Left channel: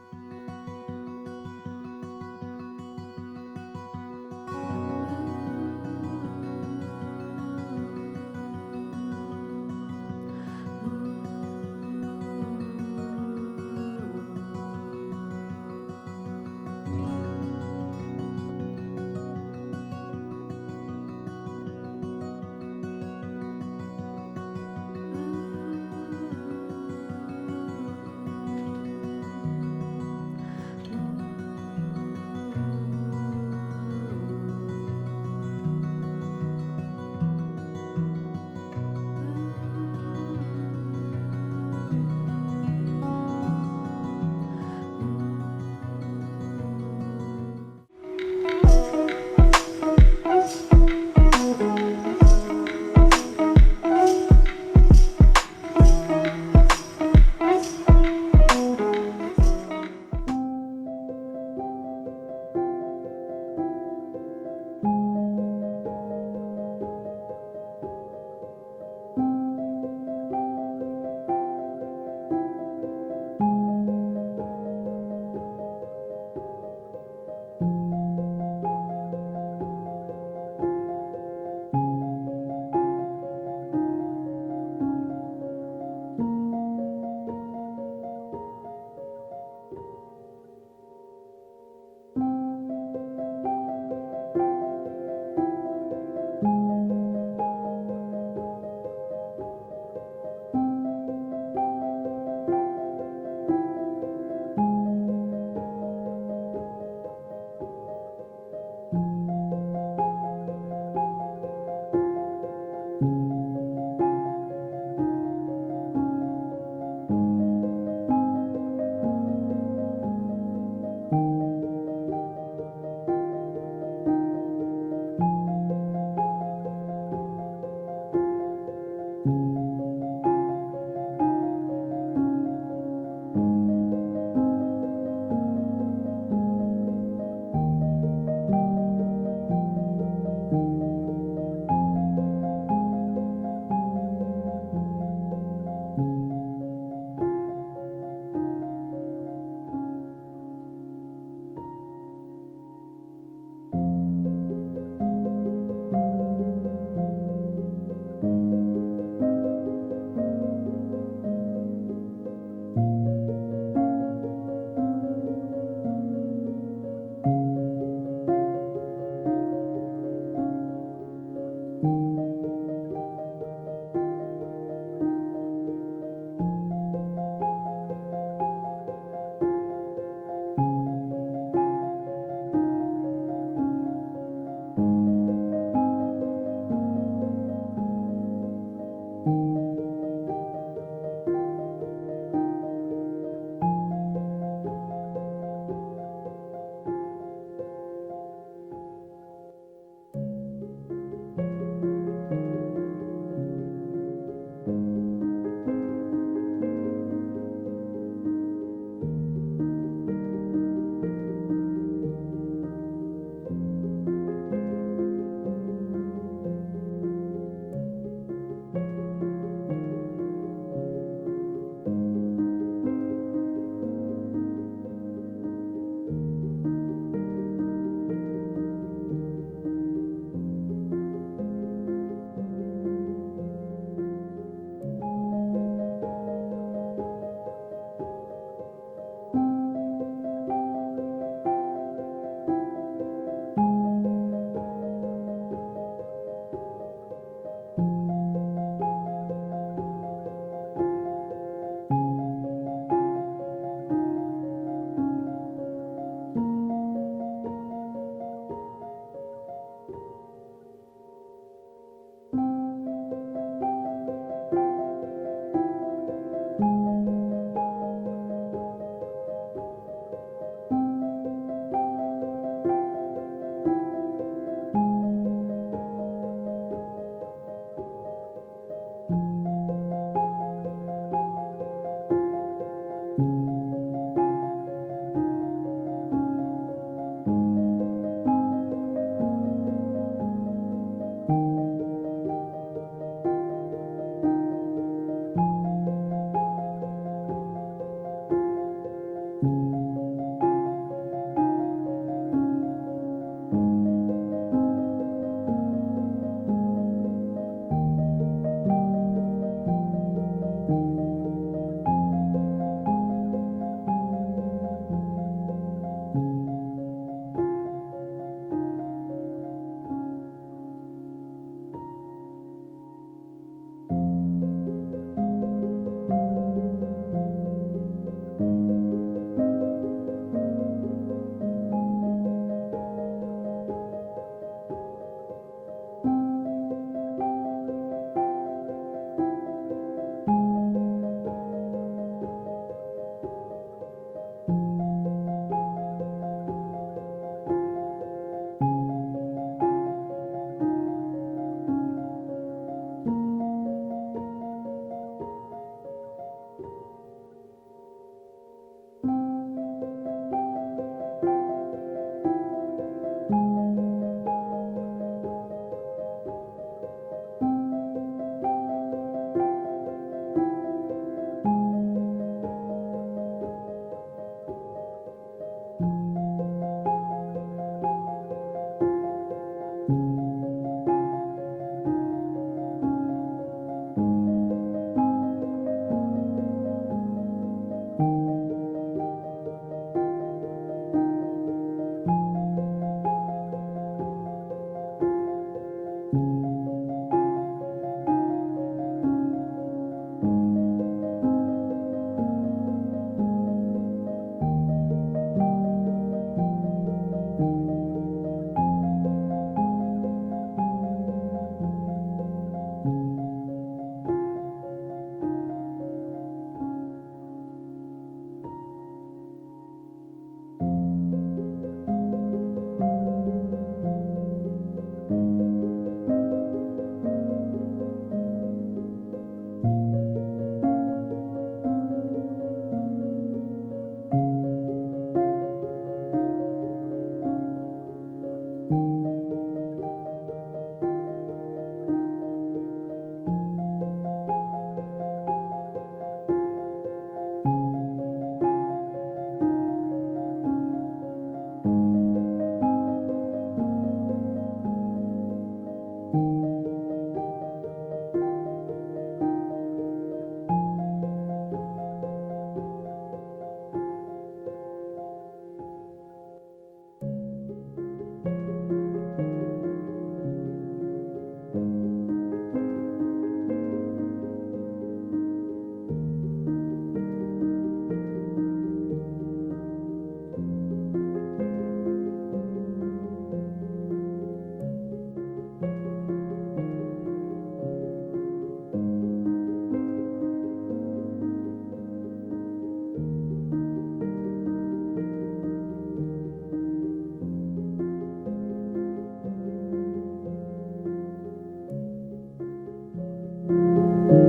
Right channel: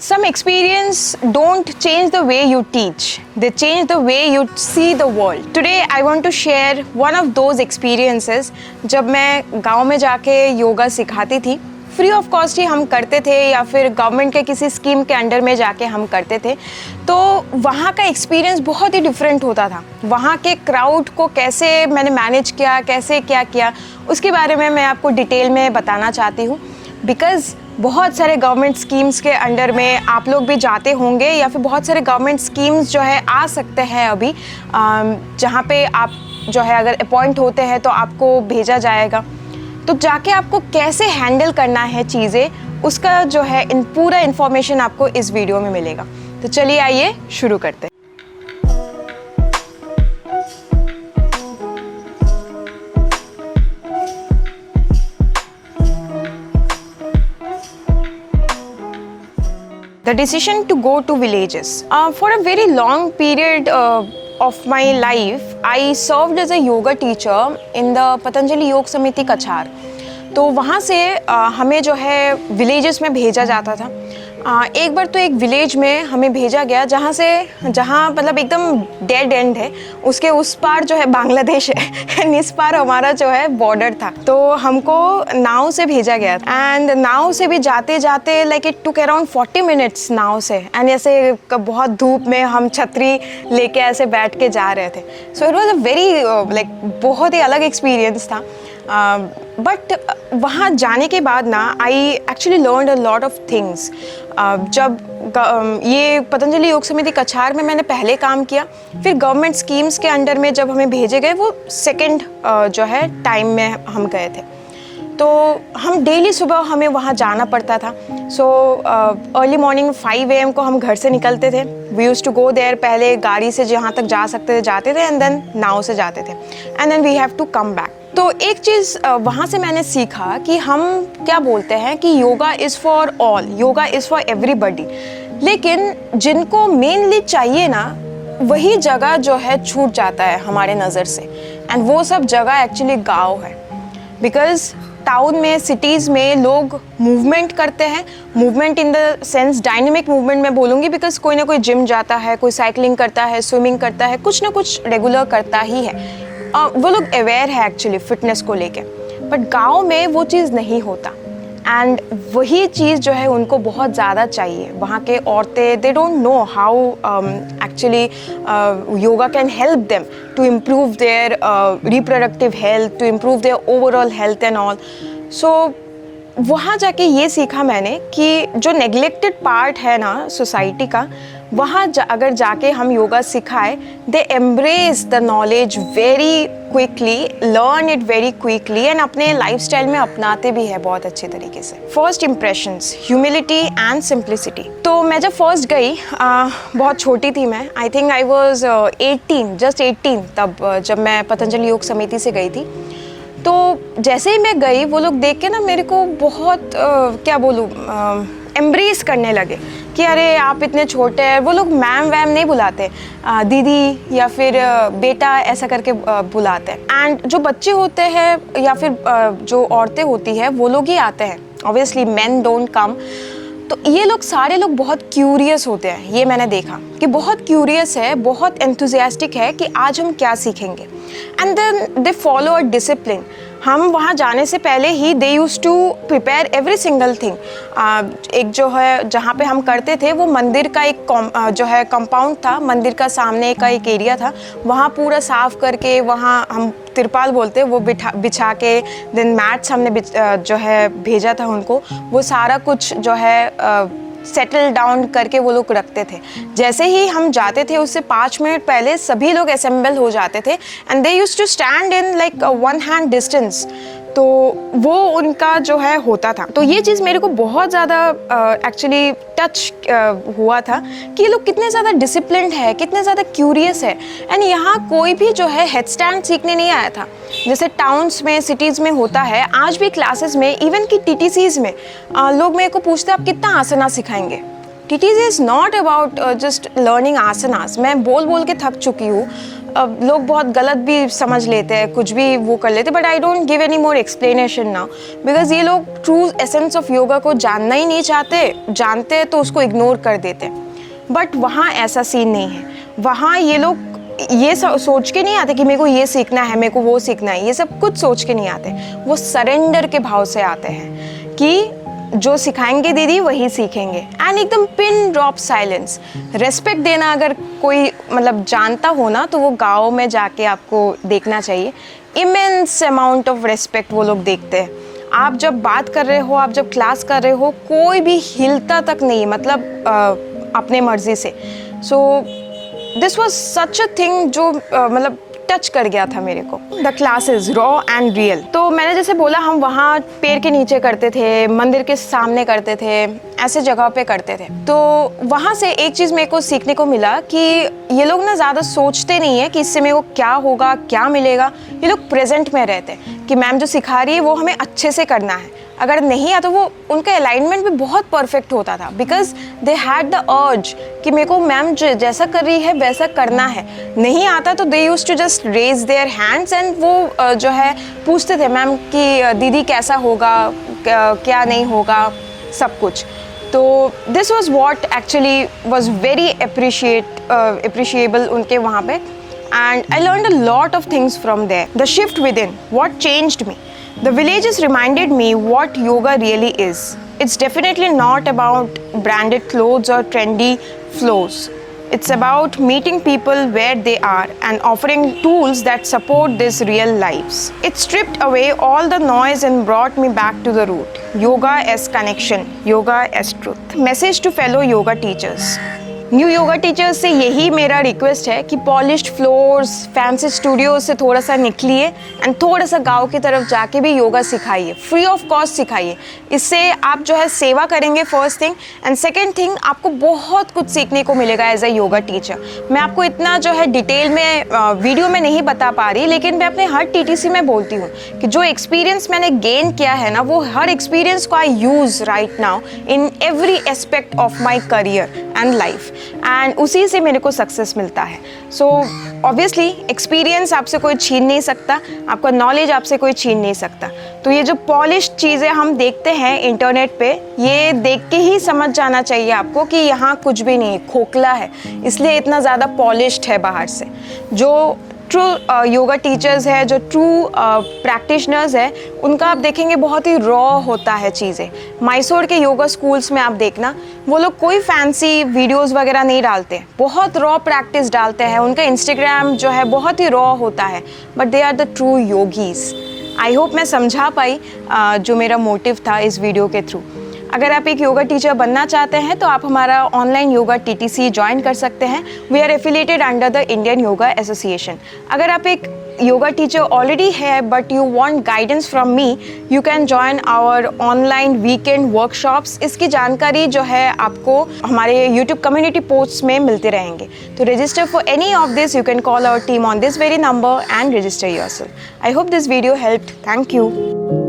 Some experience don't change the way you teach. They change the way you see the world. Today I want to share one of those experiences जब मैं गांव में जाके योगा सिखाती थी। Free of cost ही हम करते थे या फिर गवर्नमेंट के किसी स्कीम के अंडर में जाके हम करते थे। तो वहाँ का एक्सपीरियंस बहुत ही डिफरेंट होता था। वहाँ के क्राउड को कैसे मैंने मैनेज किया, कैसे क्या किया, उसके बारे में मैं आपको डिटेल में बताना चाहती हूँ। बिकॉज़ बहुत सारे गवर्नमेंट स्कीम्स के अंडर में आप लोग भी जाते होंगे या फिर बहुत सारे गवर्नमेंट स्कीम्स जो है आ सकते हैं अभी, जहाँ पे आप जो है अगर अपॉइंट होते हैं तो आपको भेजा जाएगा। तो जाके आपको कैसे हैंडल करना है चीज़ें, उसका जो है पूरा इन्फॉर्मेशन आपको इस वीडियो में मिलेगा। तो चलिए आइए शुरू करते हैं। The decision to go to villages. For a very long period of my life, I served as a yoga teacher in the Patanjali Yog Samiti Kachar. तो वहाँ से हमें जो है विलेजेस में भेजा जाता था। एक बार तो एक विलेज में हमें भेजा गया जहाँ मतलब एकदम डेड एंड है, उसके उस पार जो है बांग्लादेश है एंड इस पार हमारा जो है बॉर्डर था। तो हमको नाव से भेजा गया एंड नाव से भी जाते जाते like it took around 40 minutes now से, एंड ऐसे बहुत धूप में हम छतरी लेके ऐसे बैठ के जा रहे थे। So it was a very like बहुत ही अलग एक्सपीरियंस था। बट वहाँ जाने के बाद ना I actually learn a lot of things. जब ये पतंजलि योग समिति कछार में मैंने पहले काम किया, फिर गवर्नमेंट स्कीम्स के अंडर में जब हमें भेजे गए वो सेकंड जो है टाइम में हम गए थे। तो हम डेली सुबह हमें वहाँ जाना पड़ता था। सो अर्ली मॉर्निंग 5 AM को हम घर से निकलते थे। We use to go there, पहले गाड़ी से जहाँ तक जा सकते थे जाते थे एंड देन नाव से जाते थे and then we have to come back. तो एक चीज़ वहाँ से मैंने सीखा कि हम क्या बोलते हैं कि yoga is for all, yoga is for everybody, लेकिन जिनको मेनली चाहिए ना वही जगह जो है छूट जाता है हमारे नज़र से, एंड वो सब जगह एक्चुअली गाँव है। बिकॉज टाउन में, सिटीज़ में लोग मूवमेंट करते हैं, movement in the sense dynamic movement मैं बोलूँगी, बिकॉज कोई ना कोई जिम जाता है, कोई साइकिलिंग करता है, स्विमिंग करता है, कुछ ना कुछ रेगुलर करता ही है। वो लोग अवेयर है एक्चुअली फिटनेस को लेके। बट गांव में वो चीज़ नहीं होता एंड वही चीज़ जो है उनको बहुत ज़्यादा चाहिए। वहाँ के औरतें they don't know how actually yoga can help them to improve their reproductive health, to improve their overall health and all. So वहाँ जाके ये सीखा मैंने कि जो नेग्लेक्टेड पार्ट है ना सोसाइटी का, वहाँ अगर जाके हम योगा सिखाए, they embrace the knowledge very quickly, learn it very quickly and अपने लाइफस्टाइल में अपनाते भी है बहुत अच्छे तरीके से। First impressions, humility and simplicity. तो मैं जब फर्स्ट गई, बहुत छोटी थी मैं, I think I was 18, just 18 तब जब मैं पतंजलि योग समिति से गई थी। तो जैसे ही मैं गई वो लोग देख के ना मेरे को बहुत क्या बोलूँ, एम्ब्रेस करने लगे कि अरे आप इतने छोटे हैं। वो लोग मैम वैम नहीं बुलाते, दीदी या फिर बेटा ऐसा करके बुलाते हैं। एंड जो बच्चे होते हैं या फिर जो औरतें होती हैं वो लोग ही आते हैं, ऑब्वियसली मेन डोंट कम। तो ये लोग सारे लोग बहुत क्यूरियस होते हैं, ये मैंने देखा कि बहुत क्यूरियस है, बहुत एंथुजियास्टिक है कि आज हम क्या सीखेंगे। And then they follow a discipline. हम वहाँ जाने से पहले ही they used to prepare every single thing. एक जो है जहाँ पे हम करते थे वो मंदिर का एक जो है कंपाउंड था, मंदिर का सामने का एक एरिया था, वहाँ पूरा साफ़ करके, वहाँ हम तिरपाल बोलते वो बिछा के, देन मैट्स हमने जो है भेजा था उनको, वो सारा कुछ जो है सेटल डाउन करके वो लोग रखते थे। जैसे ही हम जाते थे उससे 5 मिनट पहले सभी लोग असेंबल हो जाते थे and they used to stand in like 1 hand distance. तो वो उनका जो है होता था। तो ये चीज़ मेरे को बहुत ज़्यादा एक्चुअली टच हुआ था कि ये लोग कितने ज़्यादा डिसिप्लिन्ड है, कितने ज़्यादा क्यूरियस है। एंड यहाँ कोई भी जो है हेड स्टैंड सीखने नहीं आया था जैसे टाउन्स में, सिटीज़ में होता है। आज भी क्लासेस में, इवन कि TTCs में लोग मेरे को पूछते आप कितना आसना सिखाएंगे। TTC is not about just learning asanas. मैं बोल बोल के थक चुकी हूँ लोग बहुत गलत भी समझ लेते हैं, कुछ भी वो कर लेते हैं, but I don't give any more explanation now, because ये लोग ट्रू एसेंस ऑफ योगा को जानना ही नहीं चाहते, जानते हैं तो उसको इग्नोर कर देते हैं। बट वहाँ ऐसा सीन नहीं है। वहाँ ये लोग ये सोच के नहीं आते कि मेरे को ये सीखना है, मेरे को वो सीखना है, ये सब कुछ सोच के नहीं आते। वो सरेंडर के भाव से आते हैं कि जो सिखाएंगे दीदी वही सीखेंगे, एंड एकदम पिन ड्रॉप साइलेंस। रेस्पेक्ट देना अगर कोई मतलब जानता हो ना, तो वो गाँव में जाके आपको देखना चाहिए। इमेंस अमाउंट ऑफ रेस्पेक्ट वो लोग देखते हैं। आप जब बात कर रहे हो, आप जब क्लास कर रहे हो, कोई भी हिलता तक नहीं, मतलब अपने मर्जी से। So this was such a thing जो मतलब टच कर गया था मेरे को। The classes raw and real. तो मैंने जैसे बोला, हम वहाँ पेड़ के नीचे करते थे, मंदिर के सामने करते थे, ऐसे जगह पे करते थे। तो वहाँ से एक चीज़ मेरे को सीखने को मिला कि ये लोग ना ज़्यादा सोचते नहीं है कि इससे मेरे को क्या होगा, क्या मिलेगा। ये लोग प्रेजेंट में रहते हैं कि मैम जो सिखा रही है वो हमें अच्छे से करना है। अगर नहीं आता, वो उनका अलाइनमेंट भी बहुत परफेक्ट होता था, because they had the urge कि मेरे को मैम जैसा कर रही है वैसा करना है। नहीं आता तो they used to just raise their hands and वो जो है पूछते थे मैम कि दीदी कैसा होगा, क्या नहीं होगा, सब कुछ। तो this was what actually was very appreciable उनके वहाँ पे, and I learned a lot of things from there. The shift within, what changed me. The villages reminded me what yoga really is. It's definitely not about branded clothes or trendy flows. It's about meeting people where they are and offering tools that support these real lives. It stripped away all the noise and brought me back to the root. Yoga as connection, yoga as truth. Message to fellow yoga teachers. New yoga teachers से यही मेरा request है कि polished floors, fancy studios से थोड़ा सा निकलिए and थोड़ा सा गांव की तरफ जाके भी योगा सिखाइए, फ्री ऑफ कॉस्ट सिखाइए। इससे आप जो है सेवा करेंगे, first thing, and second thing, आपको बहुत कुछ सीखने को मिलेगा एज अ योगा टीचर। मैं आपको इतना जो है डिटेल में वीडियो में नहीं बता पा रही, लेकिन मैं अपने हर टीटीसी में बोलती हूँ कि जो एक्सपीरियंस मैंने गेन किया है ना, वो हर एक्सपीरियंस को I use right now in every aspect of my career and life, and उसी से मेरे को सक्सेस मिलता है। सो ऑब्वियसली एक्सपीरियंस आपसे कोई छीन नहीं सकता, आपका नॉलेज आपसे कोई छीन नहीं सकता। तो ये जो पॉलिश्ड चीज़ें हम देखते हैं इंटरनेट पे, ये देख के ही समझ जाना चाहिए आपको कि यहाँ कुछ भी नहीं, खोखला है, इसलिए इतना ज़्यादा पॉलिश्ड है बाहर से। जो ट्रू योगा टीचर्स है, जो ट्रू प्रैक्टिशनर्स है, उनका आप देखेंगे बहुत ही रॉ होता है चीज़ें। मैसूर के योगा स्कूल्स में आप देखना, वो लोग कोई फैंसी वीडियोस वगैरह नहीं डालते, बहुत रॉ प्रैक्टिस डालते हैं। उनका इंस्टाग्राम जो है बहुत ही रॉ होता है, but they are the true yogis. I hope मैं समझा पाई जो मेरा मोटिव था इस वीडियो के थ्रू। अगर आप एक योगा टीचर बनना चाहते हैं तो आप हमारा ऑनलाइन योगा टीटीसी ज्वाइन कर सकते हैं। We are affiliated under the Indian yoga association. अगर आप एक योगा टीचर ऑलरेडी है but you want guidance from me, you can join our online weekend workshops. इसकी जानकारी जो है आपको हमारे यूट्यूब कम्युनिटी पोस्ट्स में मिलते रहेंगे। तो register for any of this, you can call our team on this very number and register yourself. I hope this video helped. Thank you.